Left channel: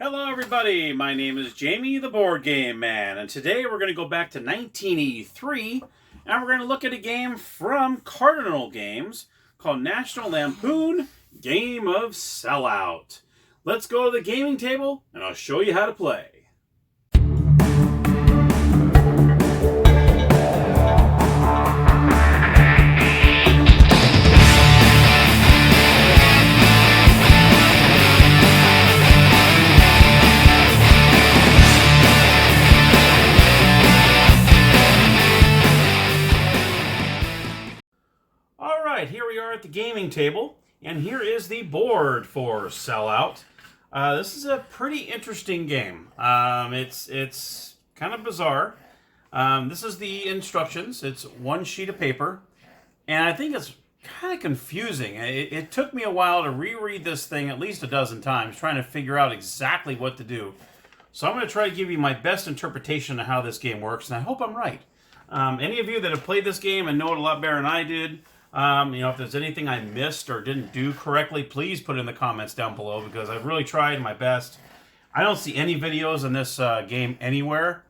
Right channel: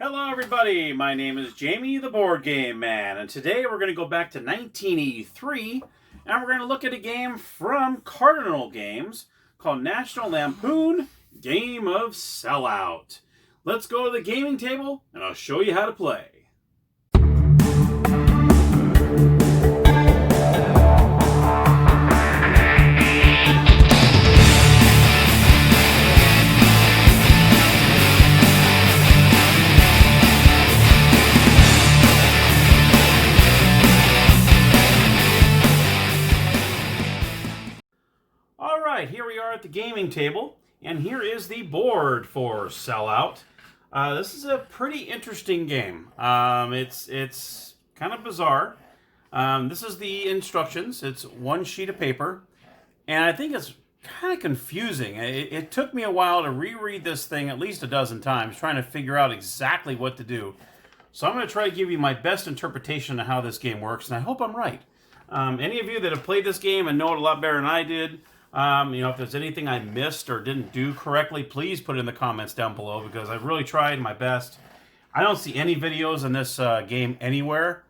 Hello everybody, my name is Jamie the Board Game Man, and today we're going to go back to 1983, and we're going to look at a game from Cardinal Games called National Lampoon Game of Sellout. Let's go to the gaming table, and I'll show you how to play. Here we are at the gaming table, and here is the board for Sellout. This is a pretty interesting game. It's kind of bizarre. This is the instructions. It's one sheet of paper, and I think it's kind of confusing. It took me a while to reread this thing at least a dozen times, trying to figure out exactly what to do. So I'm going to try to give you my best interpretation of how this game works, and I hope I'm right. Any of you that have played this game and know it a lot better than I did, if there's anything I missed or didn't do correctly, please put it in the comments down below, because I've really tried my best. I don't see any videos in this game anywhere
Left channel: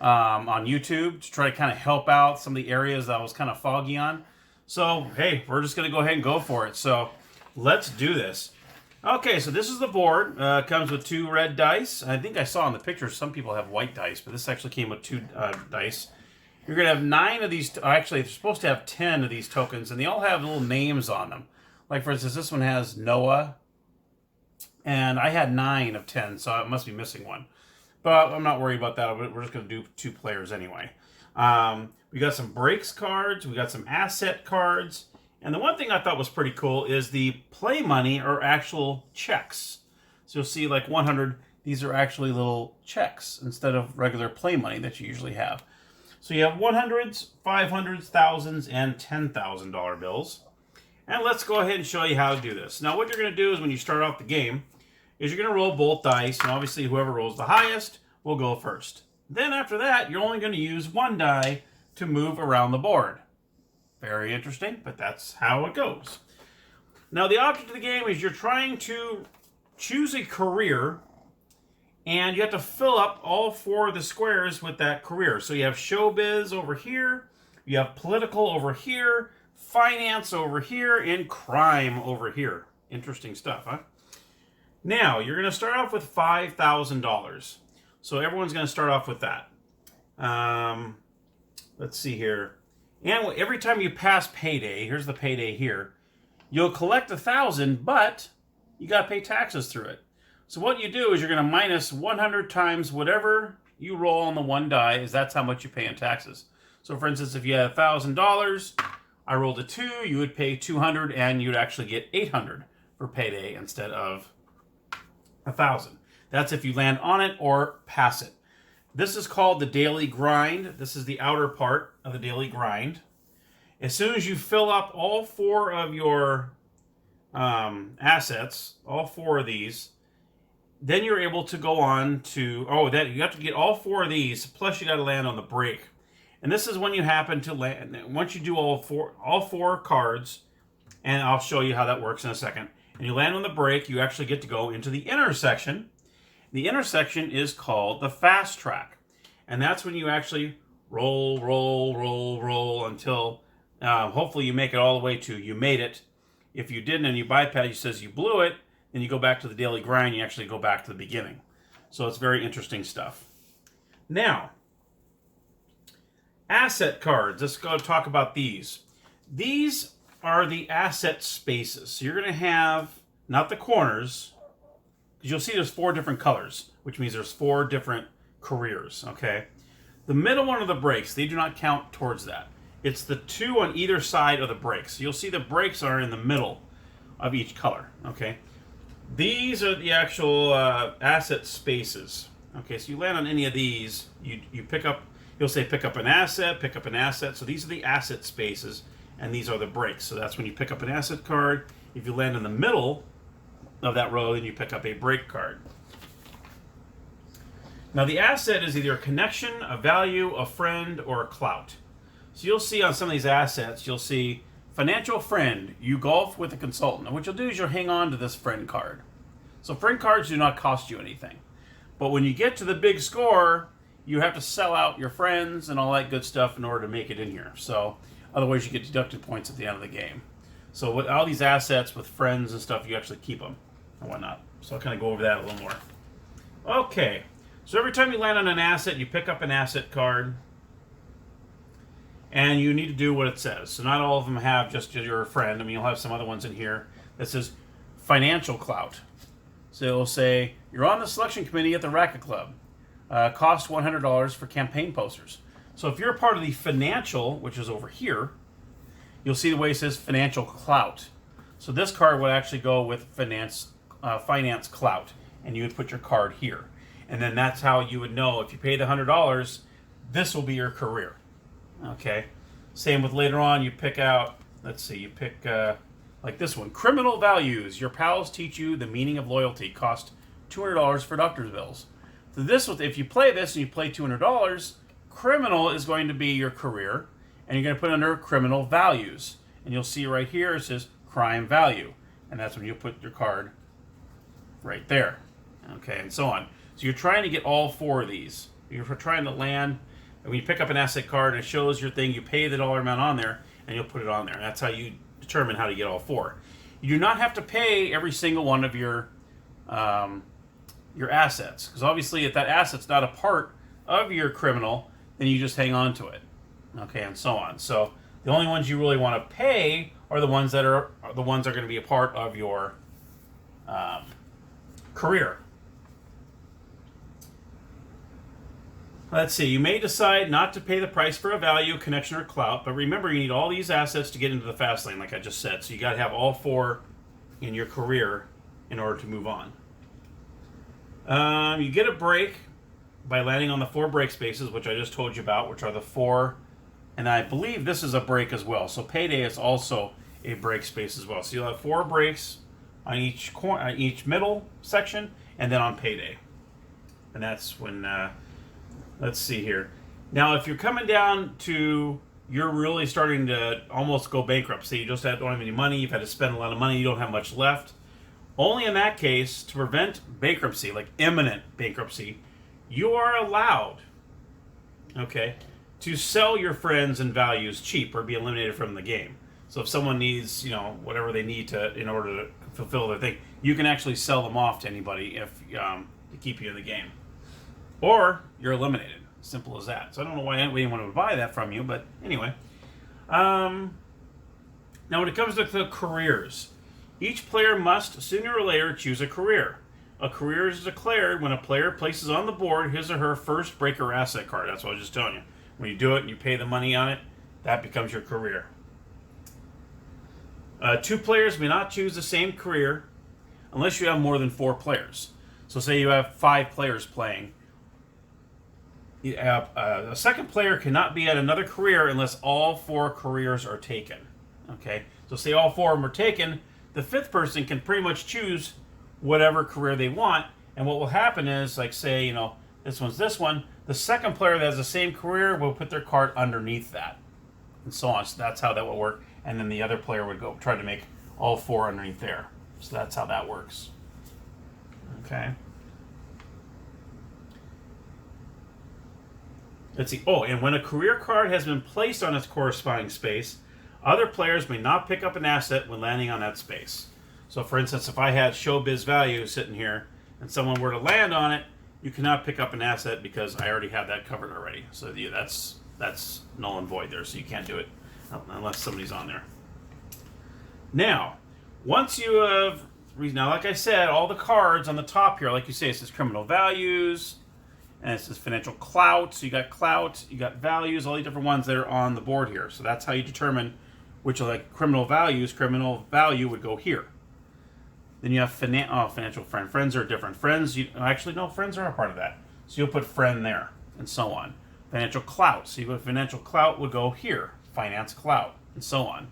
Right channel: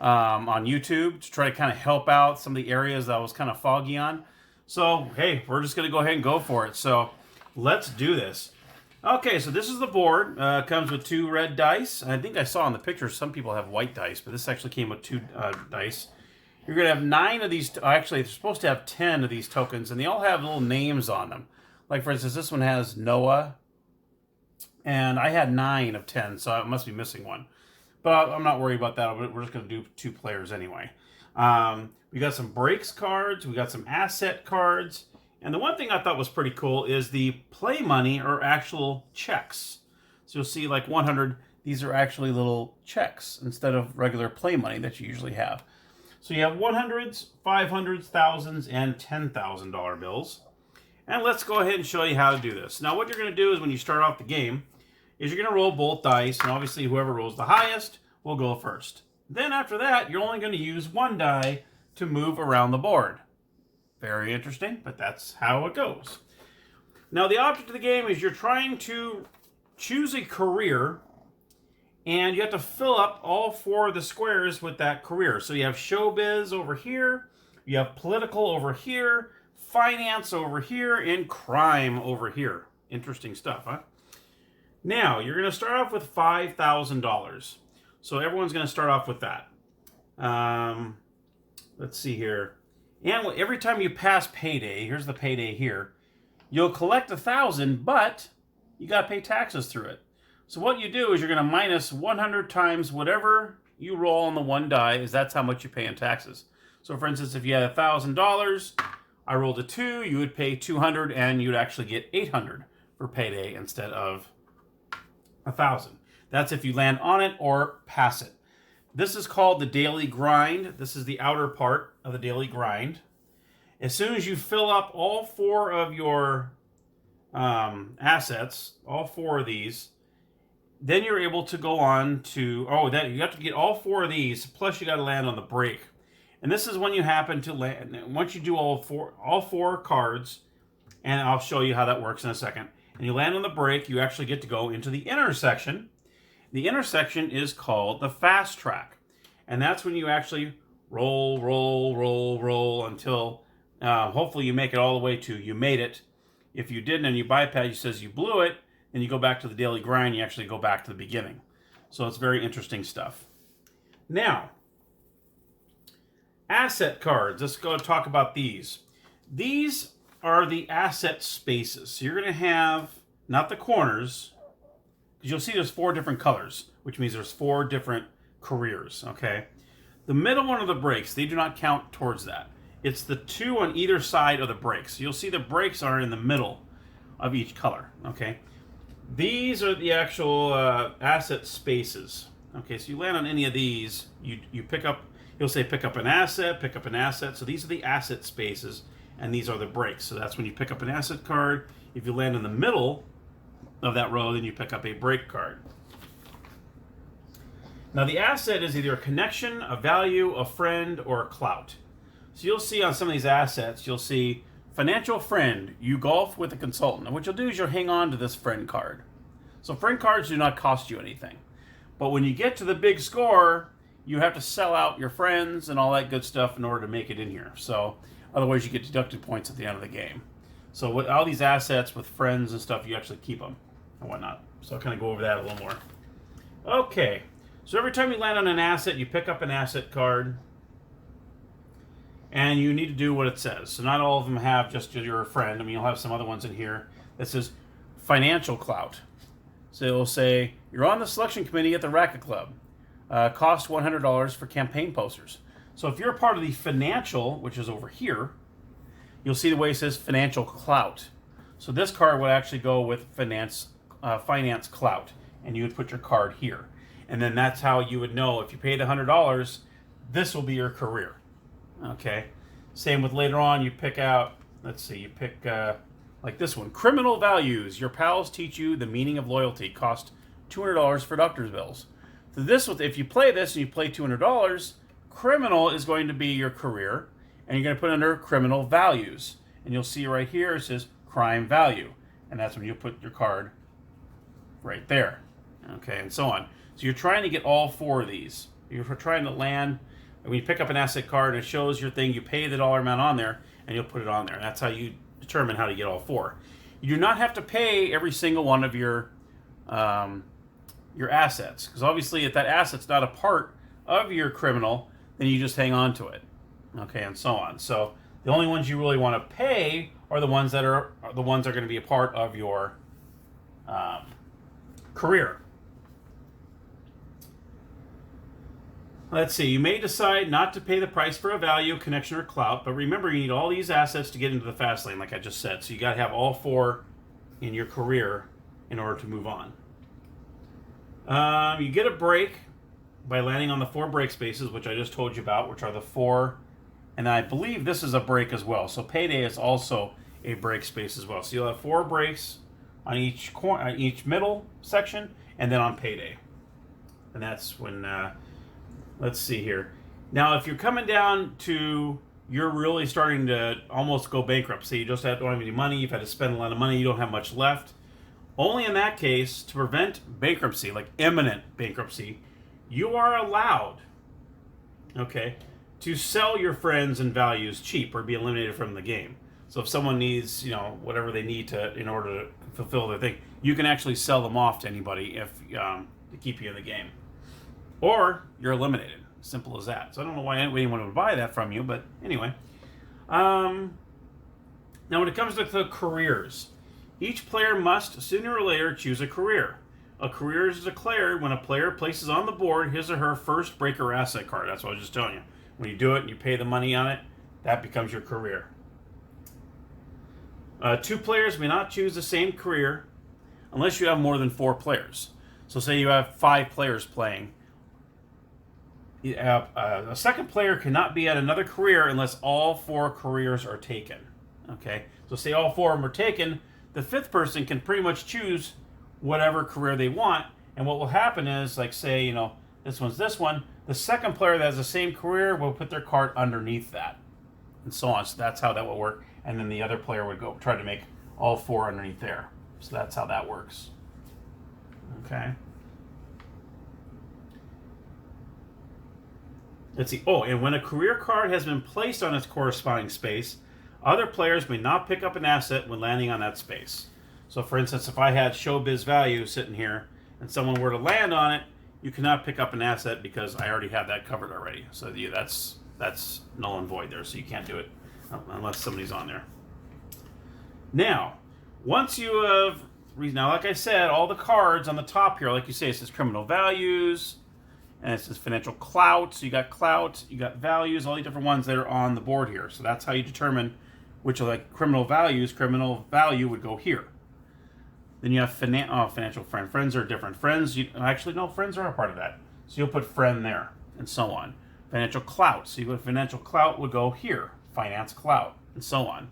on YouTube to try to kind of help out some of the areas that I was kind of foggy on. So, hey, we're just going to go ahead and go for it. So, let's do this. Okay, so this is the board. Comes with 2 red dice. I think I saw in the pictures some people have white dice, but this actually came with 2 dice. You're going to have 9 of these. Actually, they're supposed to have 10 of these tokens, and they all have little names on them. Like, for instance, this one has Noah, and I had 9 of 10, so I must be missing one. But I'm not worried about that. We're just going to do 2 players anyway. We got some breaks cards. We got some asset cards. And the one thing I thought was pretty cool is the play money are actual checks. So you'll see, like 100, these are actually little checks instead of regular play money that you usually have. So you have 100s, 500s, thousands, and $10,000 bills. And let's go ahead and show you how to do this. Now what you're going to do is when you start off the game, is you're going to roll both dice, and obviously whoever rolls the highest will go first. Then after that, you're only going to use 1 die to move around the board. Very interesting, but that's how it goes. Now the object of the game is you're trying to choose a career, and you have to fill up all 4 of the squares with that career. So you have showbiz over here, you have political over here, finance over here, and crime over here. Interesting stuff, huh? Now, you're going to start off with $5,000. So everyone's going to start off with that. Let's see here. And every time you pass payday, here's the payday here, you'll collect 1,000, but you got to pay taxes through it. So what you do is you're going to minus 100 times whatever you roll on the 1 die, is that's how much you pay in taxes. So for instance, if you had $1,000, I rolled a 2, you would pay 200, and you'd actually get 800 for payday instead of 1,000. That's if you land on it or pass it. This is called the daily grind. This is the outer part of the daily grind. As soon as you fill up all 4 of your assets, all 4 of these, then you're able to go on to, you have to get all 4 of these, plus you got to land on the break. And this is when you happen to land, once you do all four cards, and I'll show you how that works in a second, and you land on the break, you actually get to go into the intersection. The intersection is called the fast track. And that's when you actually roll, roll, roll, roll until hopefully you make it all the way to you made it. If you didn't and you bypass, it says you blew it, then you go back to the daily grind, you actually go back to the beginning. So it's very interesting stuff. Now, asset cards. Let's go talk about these. These are the asset spaces. So you're going to have, not the corners, because you'll see there's 4 different colors, which means there's 4 different careers, okay? The middle one of the breaks, they do not count towards that. It's the 2 on either side of the breaks. So you'll see the breaks are in the middle of each color, okay? These are the actual asset spaces. Okay, so you land on any of these, you pick up, you'll say pick up an asset, pick up an asset. So these are the asset spaces, and these are the breaks. So that's when you pick up an asset card. If you land in the middle of that row, then you pick up a break card. Now the asset is either a connection, a value, a friend, or a clout. So you'll see on some of these assets, you'll see financial friend, you golf with a consultant. And what you'll do is you'll hang on to this friend card. So friend cards do not cost you anything. But when you get to the big score, you have to sell out your friends and all that good stuff in order to make it in here. So otherwise you get deducted points at the end of the game. So with all these assets with friends and stuff, you actually keep them and whatnot. So I'll kind of go over that a little more. Okay, so every time you land on an asset, you pick up an asset card. And you need to do what it says. So not all of them have just your friend. I mean, you'll have some other ones in here that says financial clout. So it'll say, you're on the selection committee at the Racket Club. Cost $100 for campaign posters. So if you're a part of the financial, which is over here, you'll see the way it says financial clout. So this card would actually go with finance clout. And you would put your card here. And then that's how you would know if you paid $100, this will be your career. Okay. Same with later on, you pick out, let's see, you pick like this one, criminal values. Your pals teach you the meaning of loyalty. Cost $200 for doctor's bills. So this, if you play this and you play $200, criminal is going to be your career, and you're going to put under criminal values. And you'll see right here it says crime value, and that's when you put your card right there. Okay, and so on. So you're trying to get all four of these. You're trying to land, and when you pick up an asset card, it shows your thing. You pay the dollar amount on there, and you'll put it on there. And that's how you determine how to get all four. You do not have to pay every single one of your assets, because obviously if that asset's not a part of your criminal, then you just hang on to it. Okay, and so on. So the only ones you really want to pay are the ones that are going to be a part of your career. Let's see, you may decide not to pay the price for a value, connection, or clout, but remember you need all these assets to get into the fast lane, like I just said. So you got to have all four in your career in order to move on. You get a break by landing on the 4 break spaces, which I just told you about, which are the 4, and I believe this is a break as well. So payday is also a break space as well. So you'll have 4 breaks on each middle section, and then on payday. And that's when... let's see here. Now, if you're coming down to, you're really starting to almost go bankrupt. Say you just don't have any money, you've had to spend a lot of money, you don't have much left. Only in that case, to prevent bankruptcy, like imminent bankruptcy, you are allowed, okay, to sell your friends and values cheap or be eliminated from the game. So if someone needs, whatever they need in order to fulfill their thing, you can actually sell them off to anybody to keep you in the game. Or you're eliminated. Simple as that. So I don't know why anyone would buy that from you, but anyway. Now when it comes to the careers, each player must sooner or later choose a career. A career is declared when a player places on the board his or her first break or asset card. That's what I was just telling you. When you do it and you pay the money on it, that becomes your career. 2 players may not choose the same career unless you have more than 4 players. So say you have 5 players playing. A second player cannot be at another career unless all 4 careers are taken. Okay, so say all 4 of them are taken, the 5th person can pretty much choose whatever career they want. And what will happen is, like say, this one's this one, the second player that has the same career will put their card underneath that, and so on. So that's how that will work. And then the other player would go try to make all 4 underneath there. So that's how that works. Okay. Let's see. Oh, and when a career card has been placed on its corresponding space, other players may not pick up an asset when landing on that space. So for instance, if I had showbiz value sitting here and someone were to land on it, you cannot pick up an asset because I already have that covered already. So yeah, that's null and void there. So you can't do it unless somebody's on there. Now, once you have, now like I said, all the cards on the top here, like you say, it says criminal values, and it says financial clout. So you got clout, you got values, all the different ones that are on the board here. So that's how you determine which are like criminal values. Criminal value would go here. Then you have financial friend. Friends are different. Friends, actually no, friends are a part of that. So you'll put friend there, and so on. Financial clout. So you go financial clout would go here. Finance clout, and so on.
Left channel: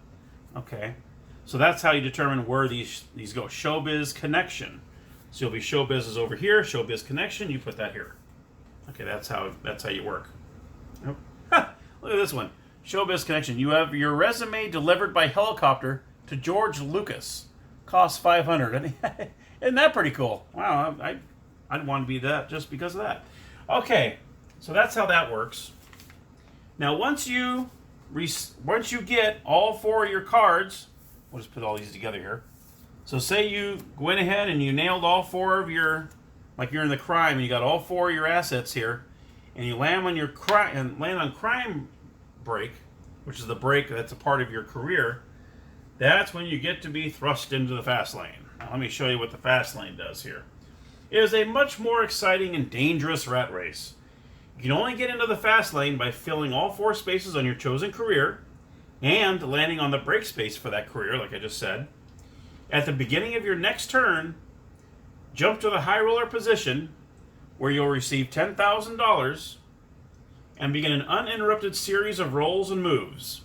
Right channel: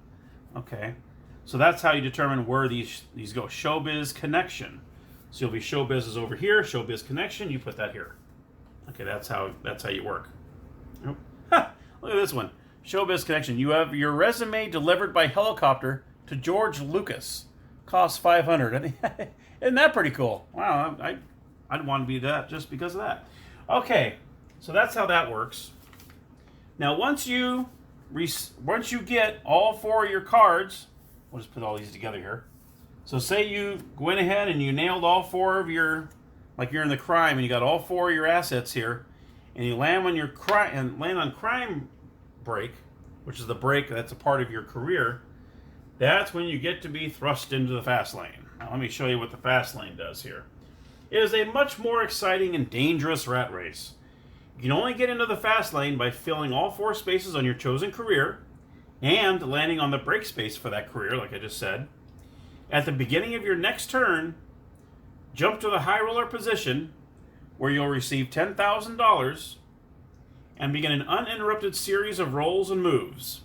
Okay. So that's how you determine where these go. Showbiz connection. So you'll be showbiz is over here. Showbiz connection. You put that here. Okay, that's how you work. Oh. Look at this one. Showbiz connection. You have your resume delivered by helicopter to George Lucas. Costs $500. Isn't that pretty cool? Wow, I'd want to be that just because of that. Okay, so that's how that works. Now, once you get all 4 of your cards, we'll just put all these together here. So say you went ahead and you nailed all 4 of your, like you're in the crime and you got all 4 of your assets here, and you land on crime break, which is the break that's a part of your career. That's when you get to be thrust into the fast lane. Now let me show you what the fast lane does here. It is a much more exciting and dangerous rat race. You can only get into the fast lane by filling all 4 spaces on your chosen career and landing on the break space for that career, like I just said. At the beginning of your next turn, jump to the high roller position where you'll receive $10,000 and begin an uninterrupted series of rolls and moves.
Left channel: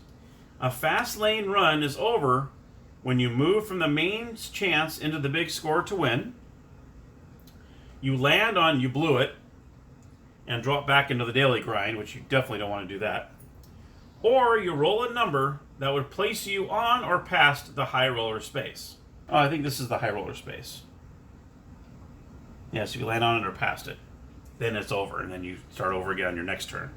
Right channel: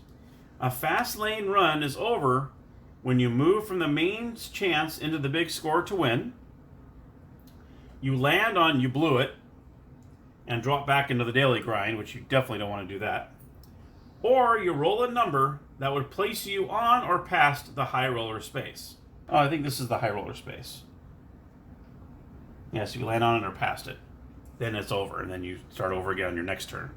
A fast lane run is over when you move from the main chance into the big score to win. You land on you blew it and drop back into the daily grind, which you definitely don't want to do that. Or you roll a number that would place you on or past the high roller space. Oh, I think this is the high roller space. Yeah, so you land on it or past it. Then it's over, and then you start over again on your next turn.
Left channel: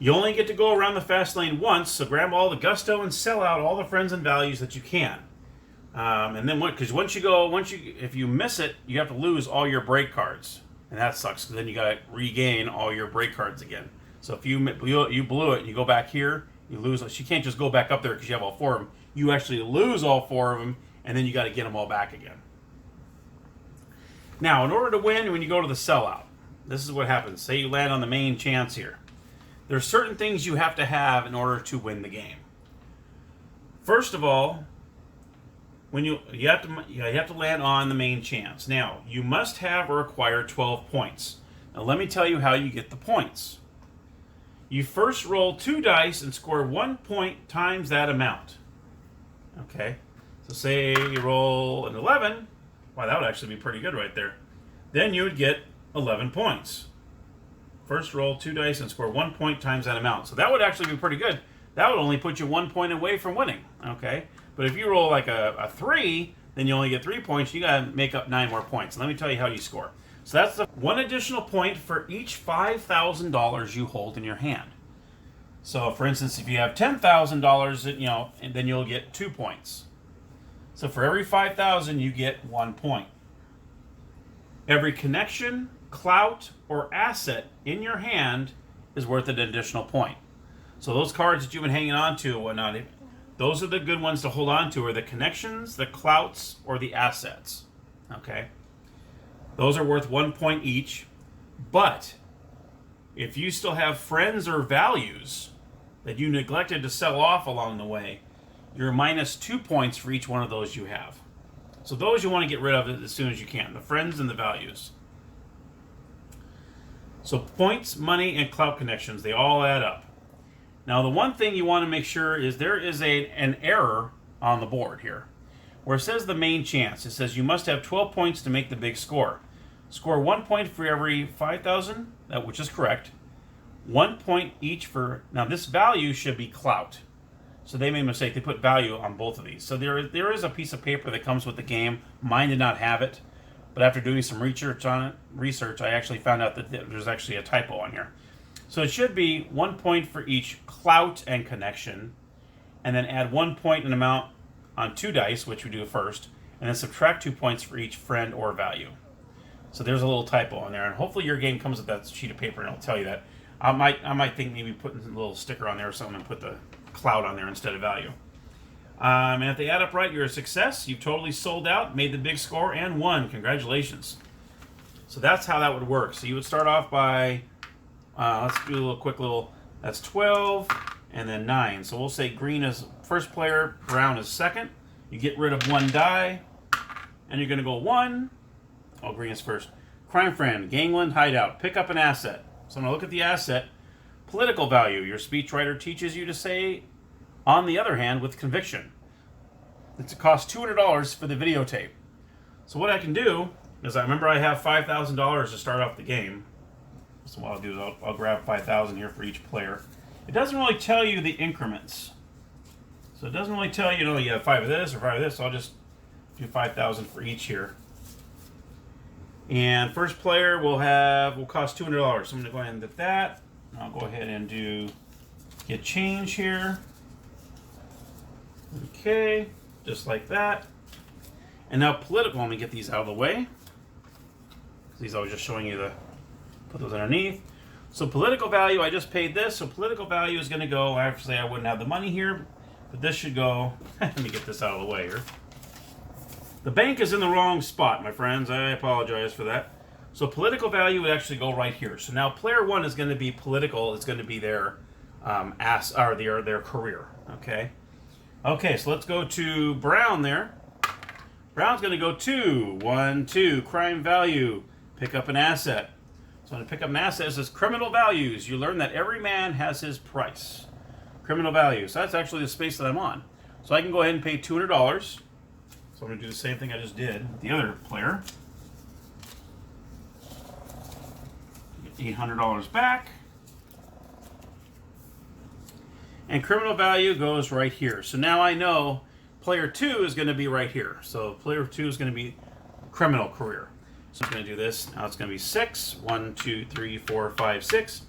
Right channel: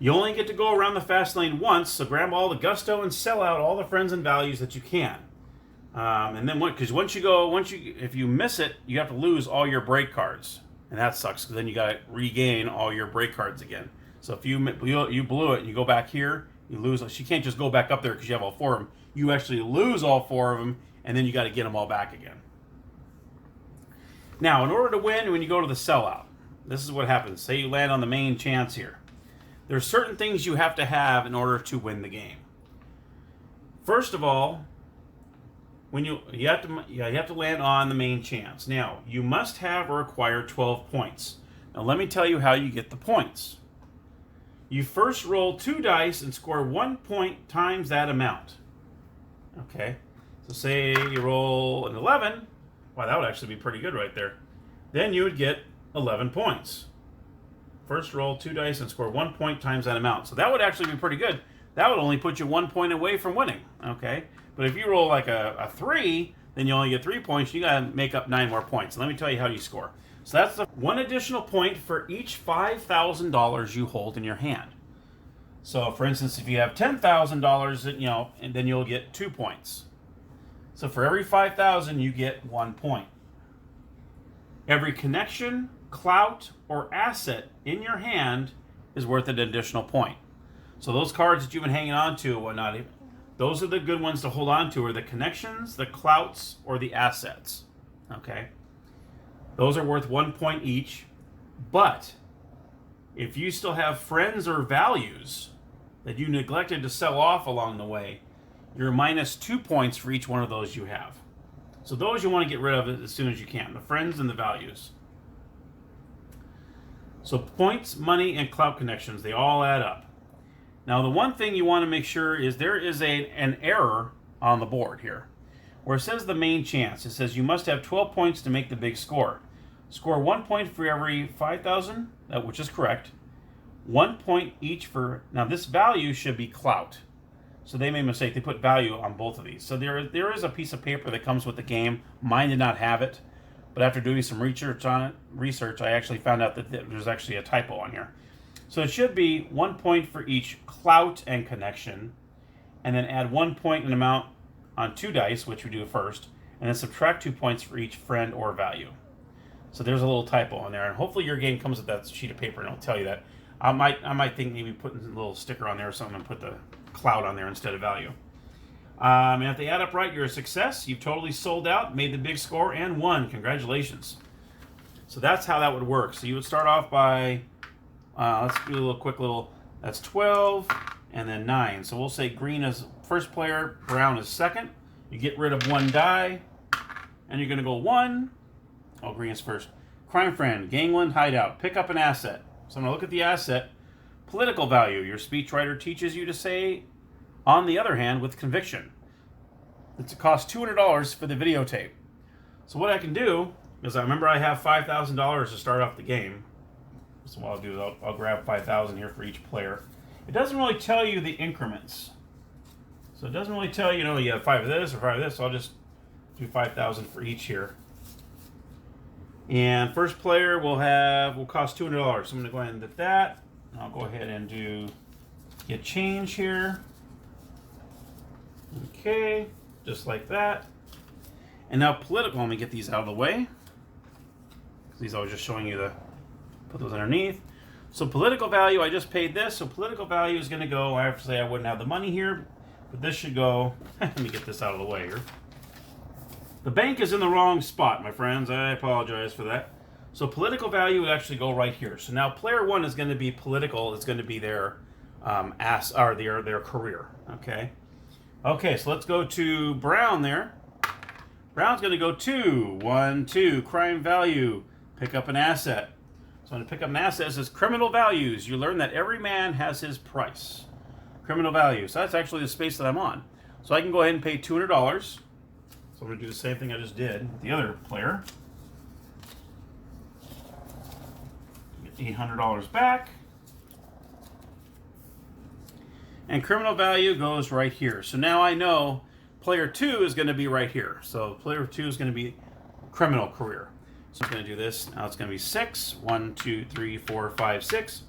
You only get to go around the fast lane once, so grab all the gusto and sell out all the friends and values that you can. And then, because if you miss it, you have to lose all your break cards. And that sucks, because then you got to regain all your break cards again. So if you blew it and you go back here, you lose. You can't just go back up there because you have all 4 of them. You actually lose all 4 of them, and then you got to get them all back again. Now, in order to win, when you go to the sellout, this is what happens. Say you land on the main chance here. There's certain things you have to have in order to win the game. First of all, when you have to land on the main chance. Now, you must have or acquire 12 points. Now, let me tell you how you get the points. You first roll 2 dice and score 1 point times that amount. Okay, so say you roll an 11. Wow, that would actually be pretty good right there. Then you would get 11 points. First roll 2 dice and score 1 point times that amount. So that would actually be pretty good. That would only put you 1 point away from winning. Okay, but if you roll like a 3, then you only get 3 points. You got to make up 9 more points. Let me tell you how you score. So that's the 1 additional point for each $5,000 you hold in your hand. So, for instance, if you have $10,000, and then you'll get 2 points. So for every 5,000, you get 1 point. Every connection, clout, or asset in your hand is worth an additional point. So those cards that you've been hanging on to and whatnot, those are the good ones to hold on to, are the connections, the clouts, or the assets. Okay? Those are worth 1 point each. But if you still have friends or values that you neglected to sell off along the way, you're minus 2 points for each one of those you have. So those you want to get rid of as soon as you can, the friends and the values. So points, money, and clout connections, they all add up. Now the one thing you want to make sure is there is an error on the board here. Where it says the main chance, it says you must have 12 points to make the big score. Score 1 point for every 5,000, which is correct. 1 point each for, now this value should be clout. So they made a mistake, they put value on both of these. So there is a piece of paper that comes with the game. Mine did not have it, but after doing some research on it, I actually found out that there's actually a typo on here. So it should be 1 point for each clout and connection, and then add 1 point in amount on 2 dice, which we do first, and then subtract 2 points for each friend or value. So there's a little typo on there, and hopefully your game comes with that sheet of paper and it'll tell you that. I might think maybe putting a little sticker on there or something and put the cloud on there instead of value. And if they add up right, you're a success. You've totally sold out, made the big score, and won. Congratulations. So that's how that would work. So you would start off by, let's do a quick little, that's 12 and then 9. So we'll say green is first player, brown is second. You get rid of 1 die, and you're going to go 1. Oh, green is first. Crime friend, gangland, hideout. Pick up an asset. So I'm going to look at the asset. Political value. Your speechwriter teaches you to say, on the other hand, with conviction. It's cost $200 for the videotape. So what I can do is, I remember I have $5,000 to start off the game. So what I'll do is I'll grab 5,000 here for each player. It doesn't really tell you the increments. So it doesn't really tell you, you have 5 of this or 5 of this. So I'll just do 5,000 for each here. And first player will cost $200. So I'm going to go ahead and do that. I'll go ahead and do get change here. Okay, just like that. And now political, let me get these out of the way. These I was just showing you put those underneath. So political value, I just paid this. So political value is going to go, I have to say I wouldn't have the money here, but this should go, let me get this out of the way here. The bank is in the wrong spot, my friends. I apologize for that. So political value would actually go right here. So now player one is going to be political. It's going to be their their career. Okay. Okay. So let's go to Brown there. Brown's going to go 2, crime value, pick up an asset. So I'm going to pick up an asset. It says criminal values. You learn that every man has his price. Criminal values. So that's actually the space that I'm on. So I can go ahead and pay $200. So I'm going to do the same thing I just did with the other player. Get $800 back. And criminal value goes right here. So now I know player 2 is going to be right here. So player 2 is going to be criminal career. So I'm going to do this. Now it's going to be 6. 1, 2, 3, 4, 5, 6.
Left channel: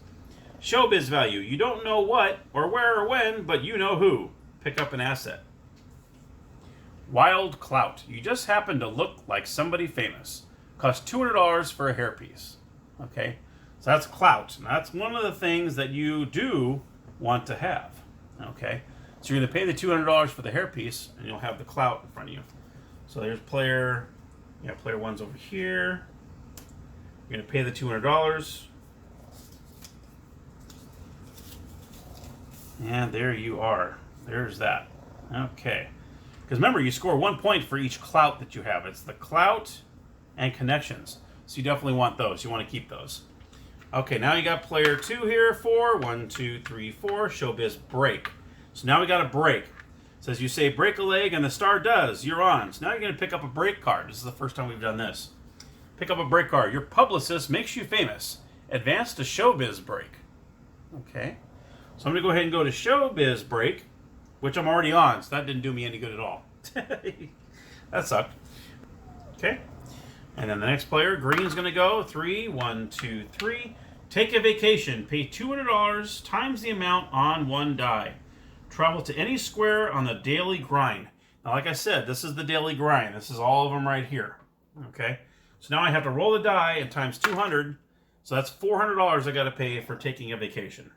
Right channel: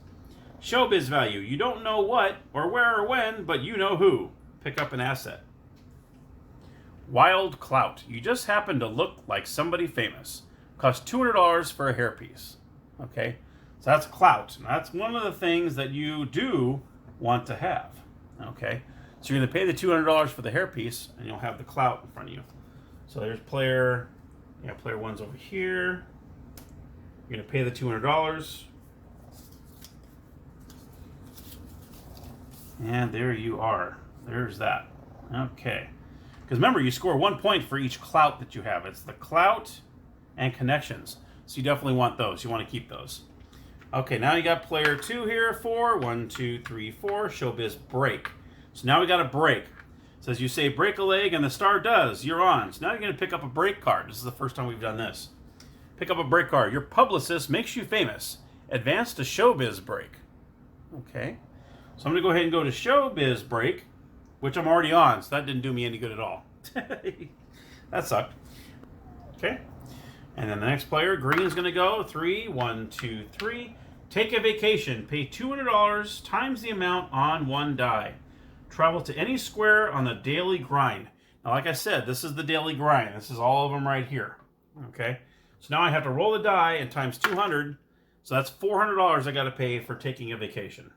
Showbiz value. You don't know what or where or when, but you know who. Pick up an asset. Wild clout. You just happen to look like somebody famous. Cost $200 for a hairpiece. Okay, so that's clout. Now, that's one of the things that you do want to have. Okay, so you're going to pay the $200 for the hairpiece, and you'll have the clout in front of you. So there's player. Yeah, player one's over here. You're going to pay the $200. And there you are. There's that. Okay. Because remember, you score 1 point for each clout that you have. It's the clout and connections. So you definitely want those. You want to keep those. Okay, now you got player 2 here. 4. 1, 2, 3, 4. Showbiz break. So now we got a break. It says you say break a leg and the star does. You're on. So now you're going to pick up a break card. This is the first time we've done this. Pick up a break card. Your publicist makes you famous. Advance to showbiz break. Okay. So I'm going to go ahead and go to showbiz break, which I'm already on, so that didn't do me any good at all. That sucked. Okay. And then the next player, green's going to go 3. 1, 2, 3. Take a vacation. Pay $200 times the amount on one die. Travel to any square on the daily grind. Now, like I said, this is the daily grind. This is all of them right here. Okay. So now I have to roll the die and times 200. So that's $400 I got to pay for taking a vacation.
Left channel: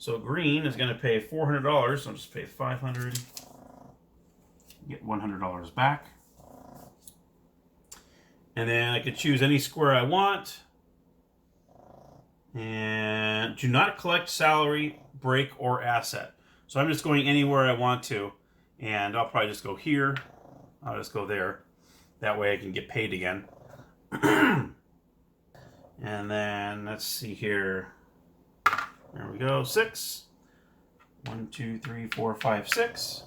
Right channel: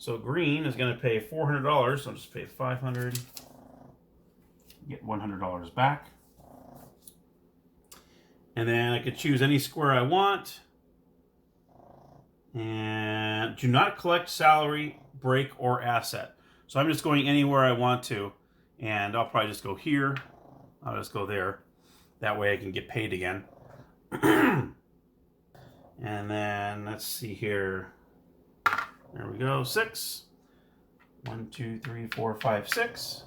So green is going to pay $400. So I'll just pay $500. Get $100 back. And then I could choose any square I want. And do not collect salary, break, or asset. So I'm just going anywhere I want to. And I'll probably just go here. I'll just go there. That way I can get paid again. And then let's see here. There we go. 6. 1, 2, 3, 4, 5, 6.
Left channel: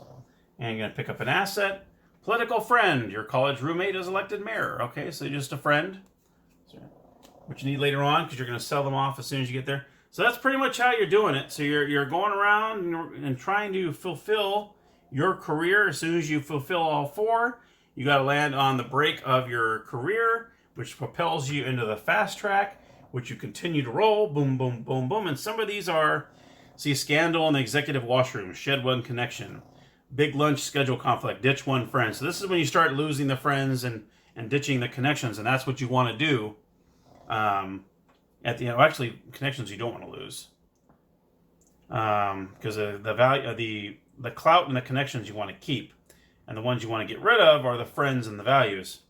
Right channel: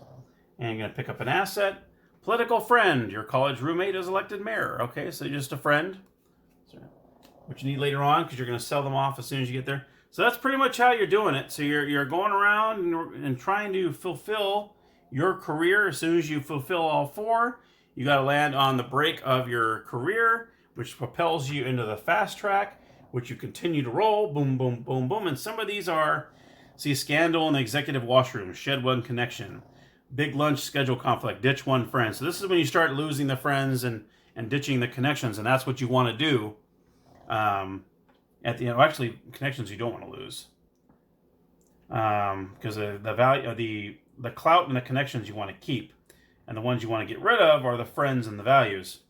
And you're going to pick up an asset. Political friend. Your college roommate is elected mayor. Okay, so just a friend. Which you need later on because you're going to sell them off as soon as you get there. So that's pretty much how you're doing it. So you're going around and trying to fulfill your career. As soon as you fulfill all 4, you got to land on the break of your career, which propels you into the fast track, which you continue to roll, boom, boom, boom, boom. And some of these are, see, scandal in the executive washroom, shed one connection, big lunch schedule conflict, ditch one friend. So this is when you start losing the friends and ditching the connections, and that's what you want to do. At the end, actually, connections you don't want to lose, because the value, the clout and the connections you want to keep, and the ones you want to get rid of are the friends and the values.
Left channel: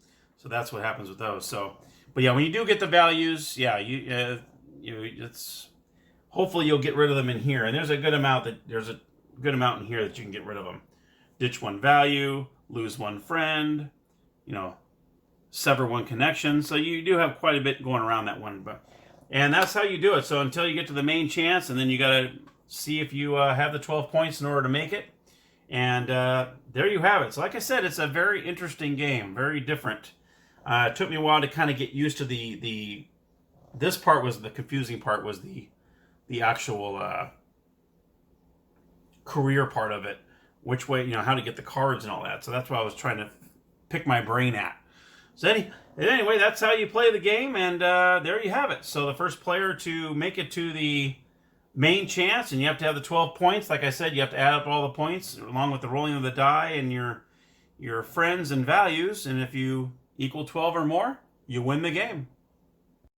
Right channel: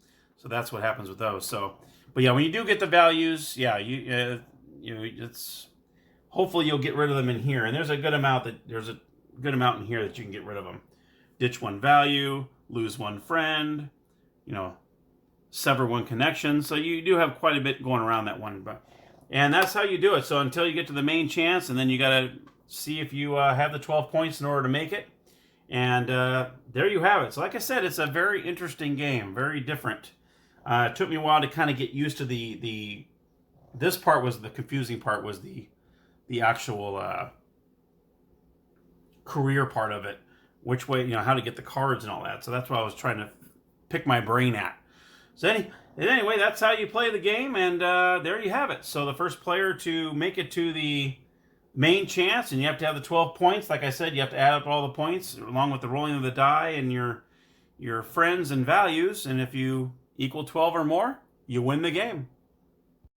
So that's what happens with those. So. But yeah, when you do get the values, yeah, it's hopefully you'll get rid of them in here. And there's a good amount in here that you can get rid of them. Ditch one value, lose one friend, sever one connection. So you do have quite a bit going around that one, and that's how you do it. So until you get to the main chance, and then you got to see if you have the 12 points in order to make it. And there you have it. So like I said, it's a very interesting game, very different. It took me a while to kind of get used to this part was the confusing part, was the actual career part of it, which way, how to get the cards and all that. So that's what I was trying to pick my brain at. So anyway, that's how you play the game, and there you have it. So the first player to make it to the main chance, and you have to have the 12 points. Like I said, you have to add up all the points along with the rolling of the die and your friends and values. And if you equal 12 or more, you win the game.